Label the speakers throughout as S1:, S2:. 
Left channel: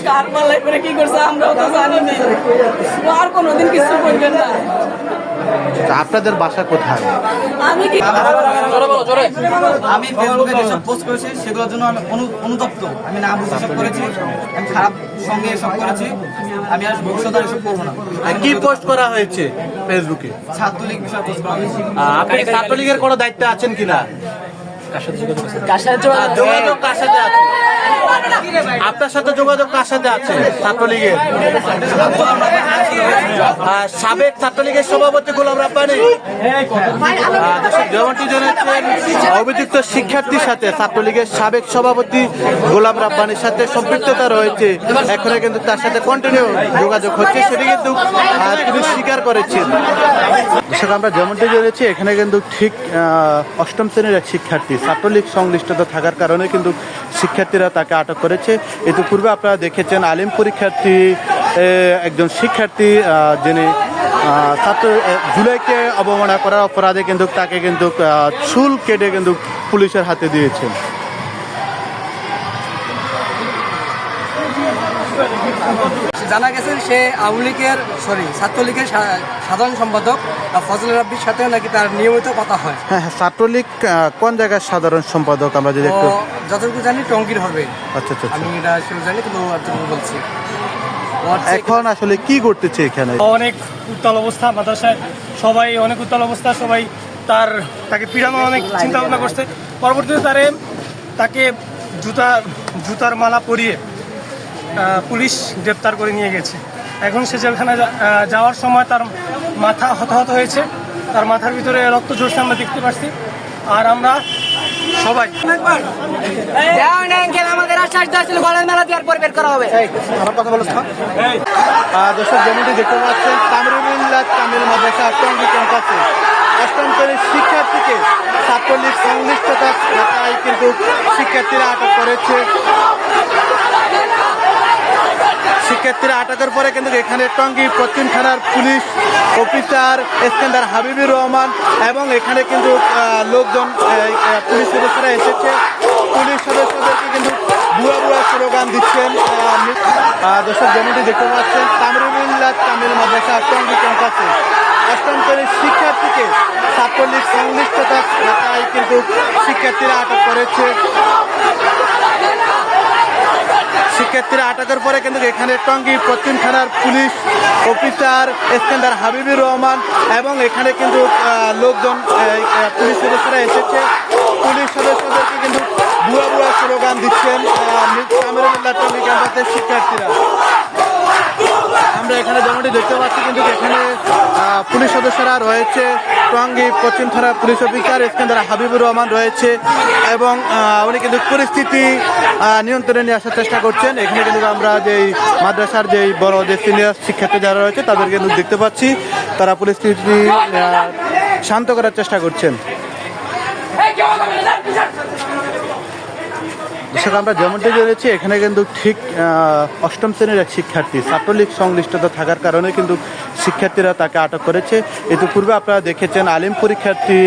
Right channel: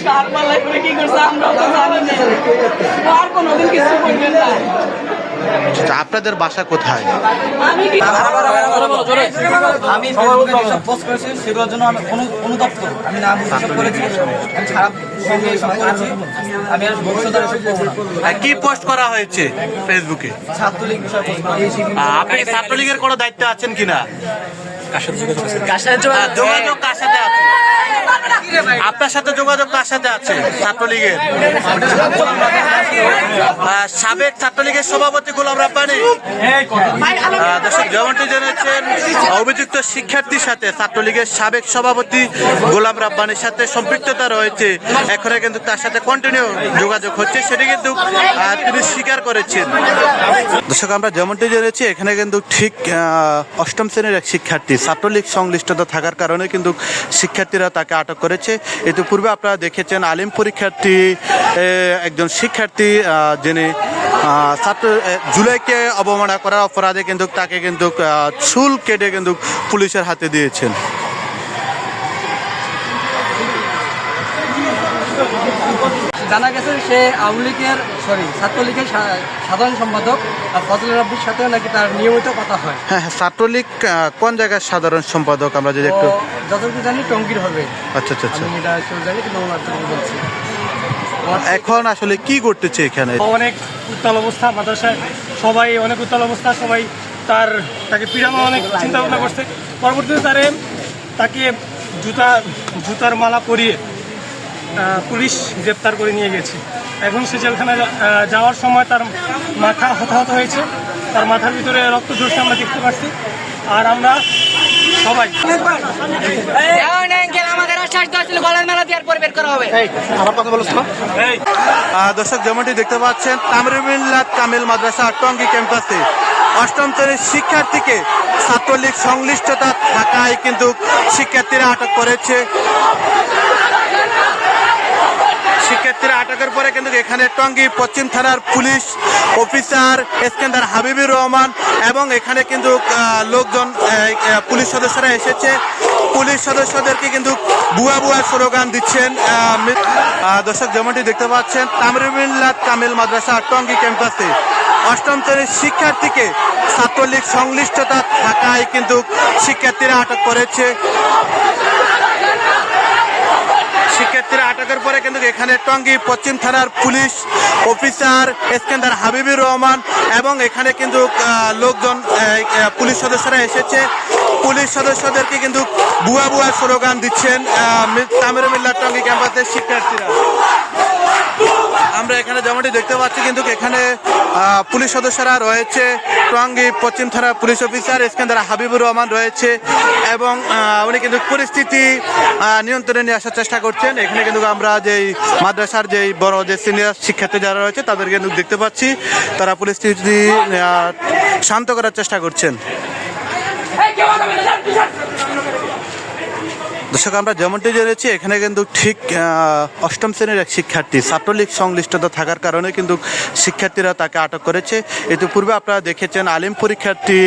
S1: কার পাল্লাই করে কি করছে আমরাও তো জানি না আর কোনোদিন কিছু করবেন না
S2: আচ্ছা, আপনাদের বাসা কোথায়
S1: আমি কি
S3: ফেসবুকে যেসব পোস্ট করেছি সেগুলোর জন্য আমি অনুতপ্ত আমি নাম হিসাব করেছি খারাপ সঙ্গে এসব করেছি আমি আর ভবিষ্যতে এসব করব না
S2: কি পোস্ট করা হয়েছে ফেসবুকে
S3: ছাত্রলীগ বিষয়ে পোস্ট করা হয়েছে
S2: আপনি ছাত্রলীগের কোনো দায়িত্ব আছেন কিনা যোগাযোগ কার সাথে আছে আপনার সাথে যোগাযোগ কার সাথে আছে? ছাত্রলীগের। সাবেক ছাত্রলীগের সভাপতি গোলাম রাব্বানি। যেমনটি জেনেছেন অভিযুক্ত শিক্ষার্থীর সাথে ছাত্রলীগের সাবেক সভাপতি গোলাম রাব্বানির সাথে সম্পৃক্ততা রয়েছে। এখনও কিন্তু তার সাথে কন্টিনিউ যোগাযোগ হচ্ছে, সেটি কিন্তু তিনি স্বীকার করেছেন। দর্শক, আমরা যেমনটি জেনেছি, এখানে কিন্তু ঠিক অষ্টম শ্রেণির এক শিক্ষার্থী, ছাত্রলীগ সংশ্লিষ্টতা থাকার কারণে কিন্তু শিক্ষার্থীরা তাকে আটক করেছে। এটু পূর্বে আপনারা দেখেছেন আলিম পরীক্ষার্থী একজন শিক্ষার্থী যিনি ছাত্র জুলাইকে অবমাননা করার অপরাধে কিন্তু তাকে কিন্তু চুল কেটে কিন্তু পুলিশের হাতে দিয়েছেন।
S3: জানা গেছে সে আওয়ামী লীগের সরি ছাত্রলীগের সাধারণ সম্পাদক আর ফজল রাব্বির সাথে নাকি তার নিয়মিত কথা হয়।
S2: হ্যাঁ হ্যাঁ ছাত্রলীগ কোন জায়গার সাধারণ সম্পাদক আমরা যদি একটু
S3: যতটুকু জানি টঙ্গির হবে।
S2: আচ্ছা আচ্ছা আচ্ছা।
S3: আমি এটা আসলে জানি কিন্তু এতটুকু বলছি।
S2: এখন আসলে কি করতেছে এখানে?
S4: অনেক উত্তাল অবস্থা মাদ্রাসায় সবাই অনেক উত্তাল অবস্থা সবাই তার তাকে পিড়ানো অনেক চিন্তা ভাবনা করছে। পরবর্তীতে তারে তাকে জুতা জুতার মালা পরিয়ে পুলিশ গ্রেপ্তার করে নিয়ে গেছে। এখন সে জেলখানা যাওয়ার সময় তার মাথা হতাহত হয়েছে। তার মাথার ভিতরে রক্ত ঝরছে আমরা দেখতে পাচ্ছি। আর আমরা সবাই
S2: দর্শক যেমনটি দেখতে পাচ্ছেন কামরুবিল্লাহ কামিল মাদ্রাসা টঙ্গী ক্যাম্পাসে অষ্টম শ্রেণির শিক্ষার্থীকে ছাত্রলীগ সংশ্লিষ্টতা থাকায় কিন্তু শিক্ষার্থীরা আটক করেছে। শিক্ষার্থীরা আটকের পরে কিন্তু এখানে টঙ্গী পশ্চিম থানার পুলিশ অফিসার ইস্কান্দার হাবিবুর রহমান এবং এখানে কিন্তু লোকজন পুলিশ সদস্যরা এসেছে। পুলিশ সদস্যদেরকে কিন্তু বুয়া বুয়া স্লোগান দিচ্ছেন দর্শক যেমনটি দেখতে পাচ্ছেন কামরুবিল্লাহ তামিল মাদ্রাসা টঙ্গী ক্যাম্পাসে। অষ্টম শ্রেণির শিক্ষার্থীকে ছাত্রলীগ সংশ্লিষ্টতা থাকায় কিন্তু শিক্ষার্থীরা আটক করেছে। শিক্ষার্থীরা আটকের পরে কিন্তু এখানে টঙ্গী পশ্চিম থানার পুলিশ অফিসার ইস্কান্দার হাবিবুর রহমান এবং এখানে কিন্তু লোকজন পুলিশ সদস্যরা এসেছে। পুলিশ সদস্যদেরকে কিন্তু বুয়া বুয়া স্লোগান দিচ্ছেন তামিরুল্লাহ টঙ্গী ক্যাম্পাসের শিক্ষার্থীরা। আমরা এখানে যেমনটি দেখতে পাচ্ছি, কিন্তু এখানে পুলিশ সদস্যরা রয়েছে, টঙ্গী পশ্চিম থানার পুলিশ অফিসার ইস্কান্দার হাবিবুর রহমান রয়েছে এবং উনি কিন্তু পরিস্থিতি নিয়ন্ত্রণে নিয়ে আসার চেষ্টা করছেন। এখানে কিন্তু আমরা যেই মাদ্রাসার যেই বড় যে সিনিয়র শিক্ষার্থী যারা রয়েছে তাদেরকে কিন্তু দেখতে পাচ্ছি, তারা পরিস্থিতি শান্ত করার চেষ্টা করছেন। দর্শক আমরা যেমনটি জেনেছি, এখানে কিন্তু ঠিক অষ্টম শ্রেণির এক শিক্ষার্থী, ছাত্রলীগ সংশ্লিষ্টতা থাকার কারণে কিন্তু শিক্ষার্থীরা তাকে আটক করেছে। এটু পূর্বে আপনারা দেখেছেন, আলিম পরীক্ষার্থী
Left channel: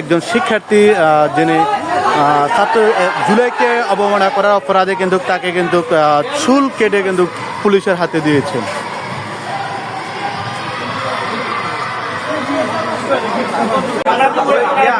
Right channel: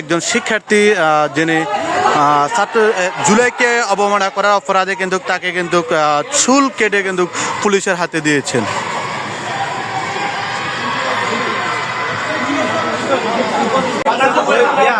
S2: একজন শিক্ষার্থী যিনি ছাত্র জুলাইকে অবমাননা করার অপরাধে কিন্তু তাকে কিন্তু চুল কেটে কিন্তু পুলিশের হাতে দিয়েছেন।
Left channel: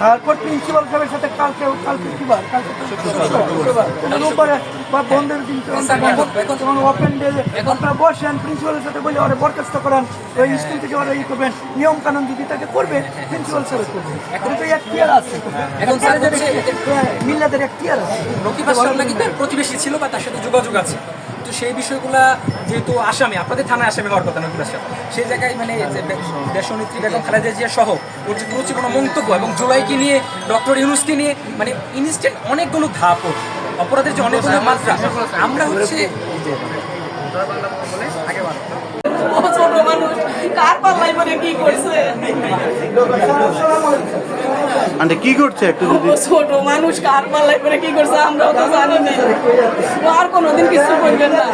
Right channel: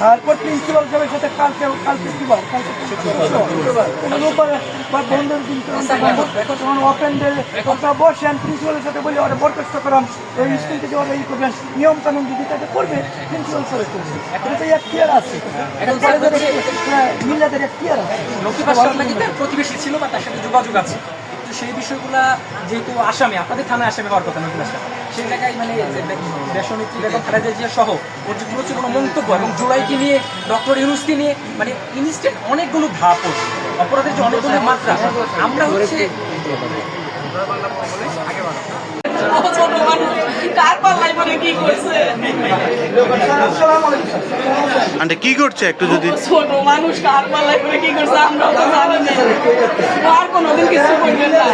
S5: তারপর প্রিন্সিপাল সাহেবের সাথে কালকে কালকে কি বার কালকে। রোববারে বা বন্ধের দিন তো ওপেন ডে আপনারা বসেন প্রিন্সিপালের সাথে বলে ওরা বরখাস্ত করান ওই স্কুল থেকে ওরা ই করবেন নিয়ম কানুন যদি তাকে করবে প্রিন্সিপাল স্যার করবে। এখন তো এখতিয়ার আছে। এখন কলেজের মিল্লাদের এখতিয়ার আছে।
S6: প্রতিবেশী ছিল বা তার সাথে যোগাযোগ আছে? তো সেই বিষয়গুলো যেহেতু আসামি আপনাদের থানায় আসামি হওয়ার কথা লক্ষ্মীপাশটা সেই জায়গায় মানে যে দে- দেশনেত্রী বেগম খালেদা জিয়া সহ ওর যে প্রচুর মন্তব্য এবং জুলাইকে নিয়ে ডক্টর ইউনুসকে নিয়ে মানে ইনস্ট্যান্ট অনেকগুলো ধাপ। অপরাধের যে অনেকগুলো মাত্রা আমরা হচ্ছে
S1: ছোট মানুষ। কার পাল্লাই করে কি করছে?
S2: আন্টি কি করছে একটু যদি?
S1: ছোট মানুষ কার পাল্লাই করে কি করছে আমরাও তো জানি না। আর কোনোদিন কিছু করবেন না।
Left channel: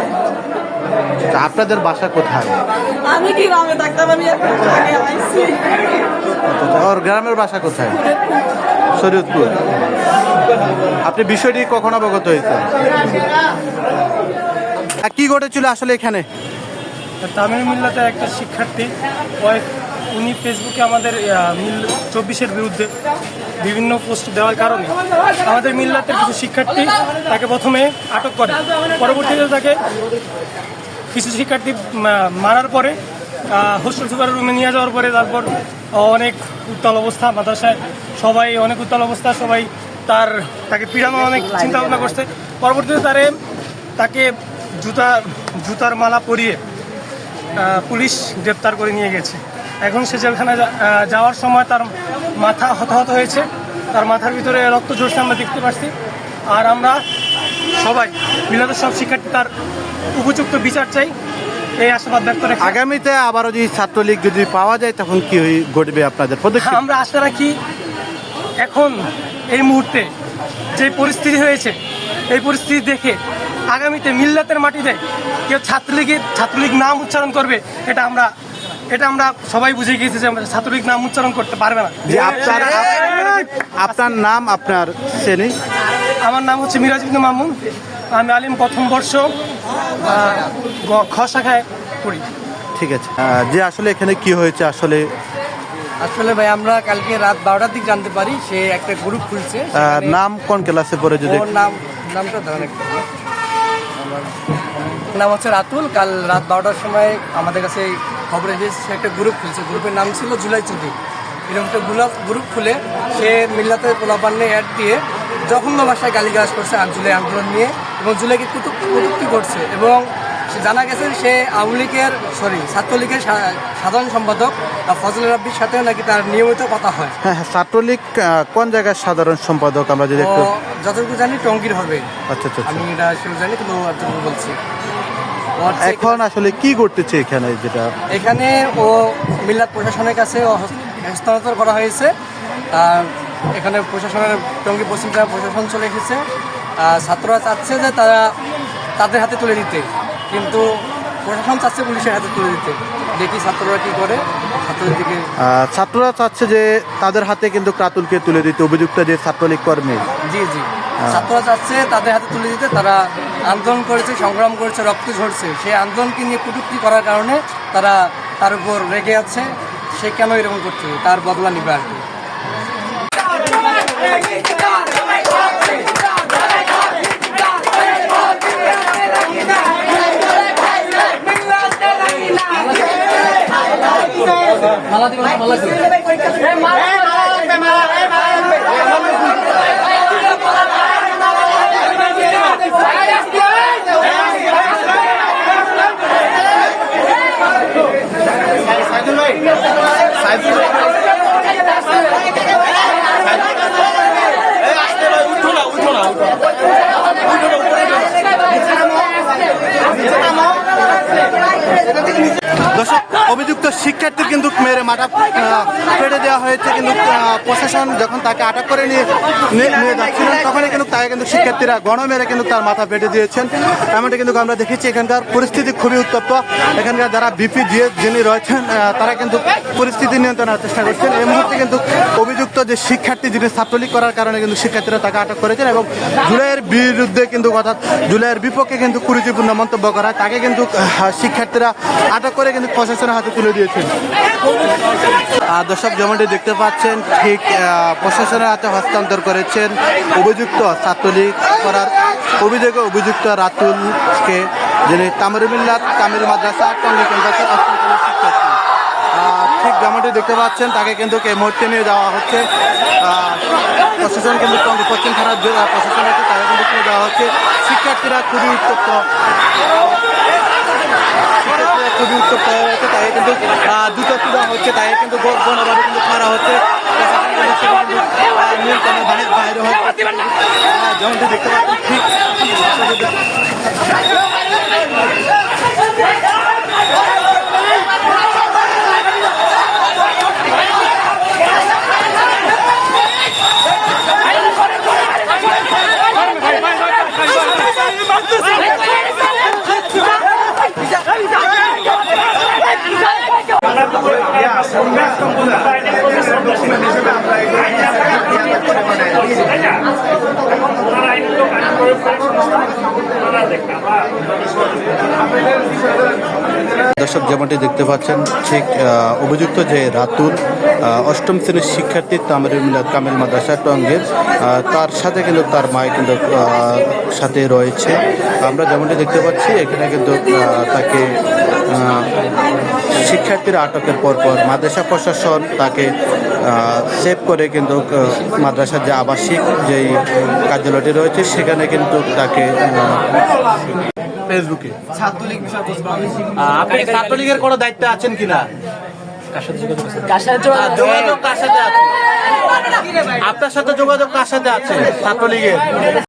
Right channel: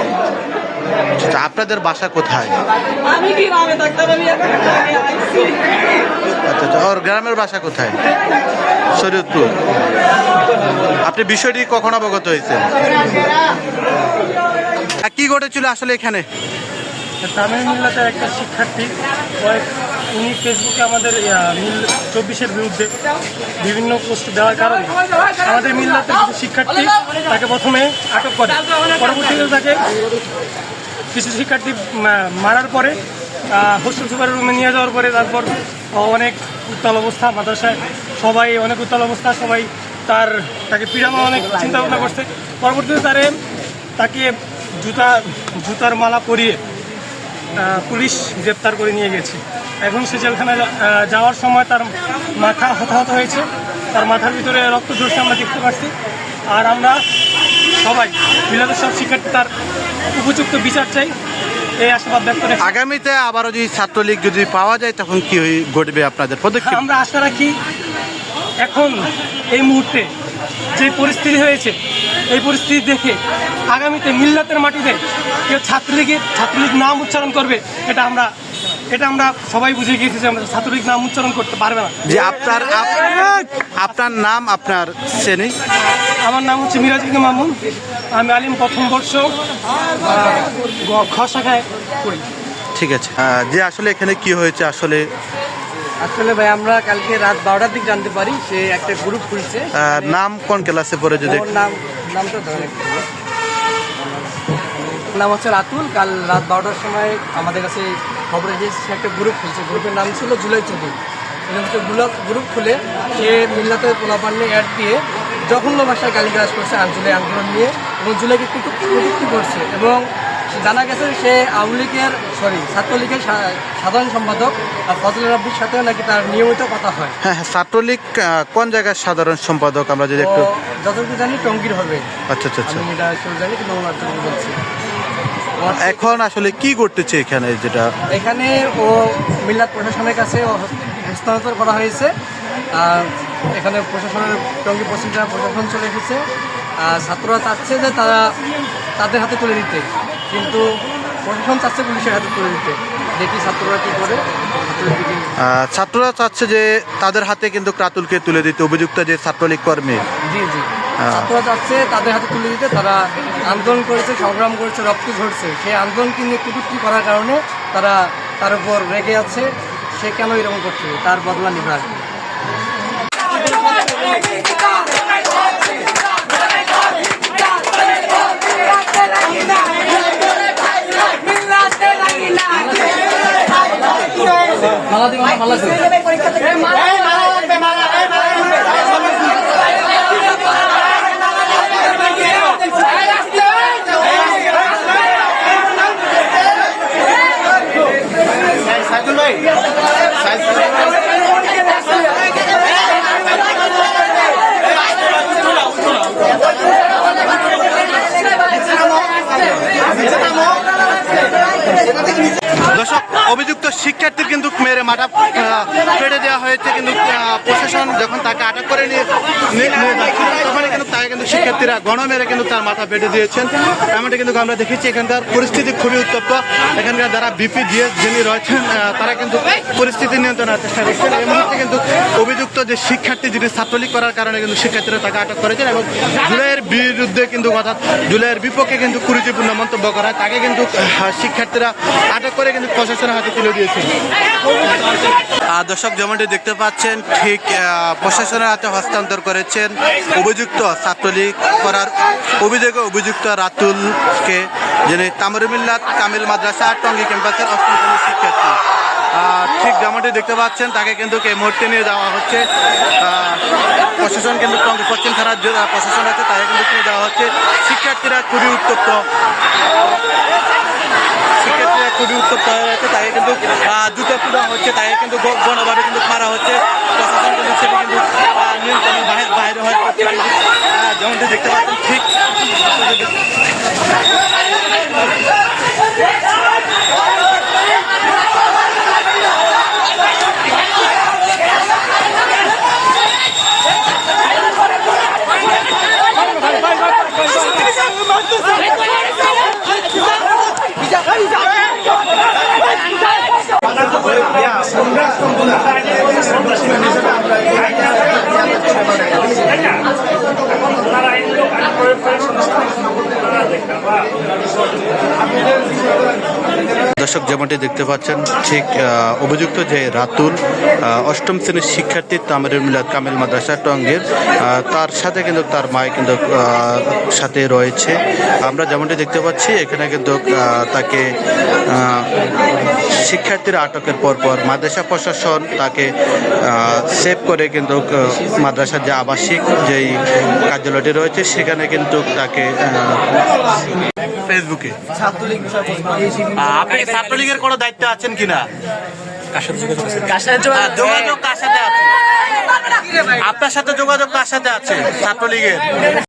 S2: আচ্ছা, আপনাদের বাসা কোথায়?
S1: আমি কি গ্রামে থাকতে পারি আইছি।
S2: আচ্ছা আচ্ছা ওর গ্রামের বাসা কোথায়? শরীয়তপুর। আপনি বিষয়টি কখন অবগত হয়েছেন? কি ঘটেছিল আসলে এখানে?
S4: তামিল মিল্লাতে একটা শিক্ষার্থী, কয়েক উনি ফেসবুকে আমাদের মিল চব্বিশের বিরুদ্ধে বিভিন্ন পোস্ট দেওয়ার কারণে আমাদের মিল্লাতের কিছু শিক্ষার্থী তাকে প্রথমে আটক করে। পরবর্তীতে তাকে কিছু শিক্ষার্থী মারার পরে হোস্টেল সুপারের রুমে নিয়ে যাওয়ার পরে তারপর অনেক উত্তাল অবস্থা, মাদ্রাসায় সবাই অনেক উত্তাল অবস্থা, সবাই তার, তাকে পিড়ানো অনেক চিন্তা ভাবনা করছে। পরবর্তীতে তারে, তাকে জুতা, জুতার মালা পরিয়ে পুলিশ গ্রেপ্তার করে নিয়ে গেছে। এখন সে আহ, যাওয়ার সময় তার মাথা হতাহত হয়েছে। তার মাথার ভিতরে রক্ত ঝরছে আমরা দেখতে পাচ্ছি। আর আমরা সবাই মিলাদের সব শিক্ষার্থী তার উপযুক্ত বিচার চাই। এই আশাবাদ ব্যক্ত রেখে।
S2: আগামীতে আবারও যদি ছাত্রলীগ যদি পাওয়া যায় তখন কি ঘটবে আপনাদের পদক্ষেপ?
S4: আমরা আশা রাখি এখন এই মুহূর্তে যে পরিস্থিতি হয়েছে এই পরিস্থিতি দেখে আগামীতে মিল্লাতের মাটিতে কেউ ছাত্রলীগের ছাত্রলীগ নাম উচ্চারণ করবে এটা আমরা এটা আমরা সবাই বুঝে গিয়েছি যে আমরা ছাত্রলীগ নাম উচ্চারণ করতে পারবে না।
S2: যে আপনার আপনার নাম আপনার শ্রেণি?
S4: আমার নাম হচ্ছে মিরাজ ইবনে মামুন আমি আলিম প্রথম বর্ষ খ শাখায় পড়ি।
S2: ঠিক আছে। যে আসলে এখানে কি হয়েছে আসলে
S3: আসলে ভাই আমরা কালকে রাত বারোটার দিক জানতে পারি সে একটা গ্রুপ খুলছে।
S2: নাম কোন ক্লাসে পড়ে যদি
S3: নাম নামটা ধরেন একটু নাম হচ্ছে রাতুল কাল রাত বারোটার সময় আমাদের কাছে খবর এসেছে সে একটা গ্রুপ খুলছে। গ্রুপের নাম ছিল জুলাই চৌধুরী। এরকম গ্রুপ খুলে সে মিল্লাতে পোলাপান্নে অ্যাড দিয়ে জঘন্য ভাষায় গালিগালাজ করছে আঞ্চলিক আন্দোলন নিয়ে এবং জুলাইকে কুটুক কটূক্তি করছে। এবং জানা গেছে সে আওয়ামী লীগের সরি ছাত্রলীগের সাধারণ সম্পাদক আর ফজল রাব্বির সাথেও নাকি তার নিয়মিত কথা হয়।
S2: হ্যাঁ হ্যাঁ ছাত্রলীগ কোন জায়গার সাধারণ সম্পাদক? আমরা যদি একটু
S3: যতটুকু জানি টঙ্গির হবে।
S2: আচ্ছা আচ্ছা আচ্ছা।
S3: আমি এটা আসলে জানি কিন্তু যতটুকু বলছি।
S2: এখন আসলে কি করতেছে এখানে যেটা
S3: এখানে ও মিল্লাত প্রশাসনের কাছে হস্তান্তর করা হয়েছে। আর এখানে প্রশাসনের টঙ্গী পশ্চিম জেলা প্রশাসন চলে এসেছে। আর ছাত্ররা চাচ্ছে যে তারা তাদের হাতে তুলে দিতে। কিন্তু প্রশাসন চাচ্ছে পুলিশের হাতে তুলে দিতে। দেখি ছাত্ররা কী করে
S2: ছাত্ররা চাচ্ছে যে তাদের হাতে কিন্তু ক্রাতুলকে তুলে দিতে অভিযুক্ত যে ছাত্রলীগ কর্মী।
S3: জি জি। ছাত্ররা চাচ্ছে তাদের হাতে তুলে দিতে তারা আন্দোলন করেছে সংগ্রাম করেছে রক্ত ঝরছে। সেই আন্দোলনকে নিয়ে কটূক্তি করার কারণে তারা তার উপর রেগে আছে সে কেন এরকম করছে? তার বদলা নিবে আর কি।
S2: দর্শক অভিযুক্ত শিক্ষার্থীর কিন্তু মেরে মাথা ফেটে দেওয়া হয়েছে। কিন্তু প্রশাসন যখন তাকে আটক করে নিয়ে নিয়ে নিয়ে যাচ্ছিল তখনই কিন্তু তাকে কিন্তু শিক্ষার্থীরা গণ মেরে কিন্তু তার মাথা ফেটে দিয়েছেন। এমনটা কিন্তু আমরা দেখেছি, এখানকার পরিস্থিতি খুবই উত্তপ্ত। এখানকার যারা বিপি দিয়ে যিনি রয়েছেন তারা কিন্তু পরিস্থিতি নিয়ন্ত্রণের চেষ্টা করছেন। এই মুহূর্তে কিন্তু অভিযুক্ত যে শিক্ষার্থী, যিনি ছাত্রলীগ করার কারণে কিন্তু শিক্ষার্থীরা তাকে আটক করেছেন এবং জুলাইয়ের বিরুদ্ধে কিন্তু, অর্থাৎ জুলাইয়ের বিপক্ষে কিন্তু কুরুচিপূর্ণ মন্তব্য করা হয়। তাকে কিন্তু শিক্ষার্থীরা আটক করে কিন্তু প্রশাসনের হাতে তুলে দিয়েছেন দর্শক, যেমনটি দেখতে পাচ্ছেন, ঠিক প্রশাসনের হাতে হস্তান্তর করেছেন অভিযুক্ত ছাত্রলীগ করার অভিযোগে অভিযুক্ত রাতুলকে, যিনি তামরুমিল্লাত কামিল মাদ্রাসা টঙ্গী ক্যাম্পাসের অষ্টম শিক্ষার্থী। ঠিক, যেমনটি দেখতে পাচ্ছেন, তাকে কিন্তু এই মুহূর্তে নিয়ে যাওয়া হচ্ছে। প্রশাসন কিন্তু টঙ্গী, পশ্চিম থানার যে প্রশাসন আছে, তাকে কিন্তু নিয়ে যাওয়া হচ্ছে। শিক্ষার্থীরা খুবই উত্তপ্ত। শিক্ষার্থীরা খুবই উত্তপ্ত। আছে তাকে কিন্তু দুটো পুরা হচ্ছে তাকে কিন্তু গণভাবে কিন্তু খারাপ হচ্ছে নিয়ন্ত্রণের বাইরে যেমনটি দেখতে পাচ্ছেন ঠিক I'm going to. দর্শক, যেমনটি দেখতে পাচ্ছেন, ঠিক অভিযুক্ত যে রাতুল অষ্টম শ্রেণির শিক্ষার্থী তামিরুল মিলাদ কামিল মাদ্রাসা টঙ্গের তার সাথে কিন্তু তার মায় কিন্তু সাথে রয়েছে। আমরা যেমনটি দেখতে পাচ্ছি, এখানে কিন্তু তাকে শিক্ষার্থীরা আটকের পর পর মাদ্রাসা প্রশাসন তাকে সেভ করে কিন্তু মাদ্রাসার যে আবাসিক যেই কার্যালয়টি রয়েছে সেখানে কিন্তু তাকে ফেসবুকে। আপনি ছাত্রলীগের কোনো দায়িত্ব আছেন কিনা যোগাযোগ কার সাথে আছে? আপনার সাথে যোগাযোগ কার সাথে আছে ছাত্রলীগের?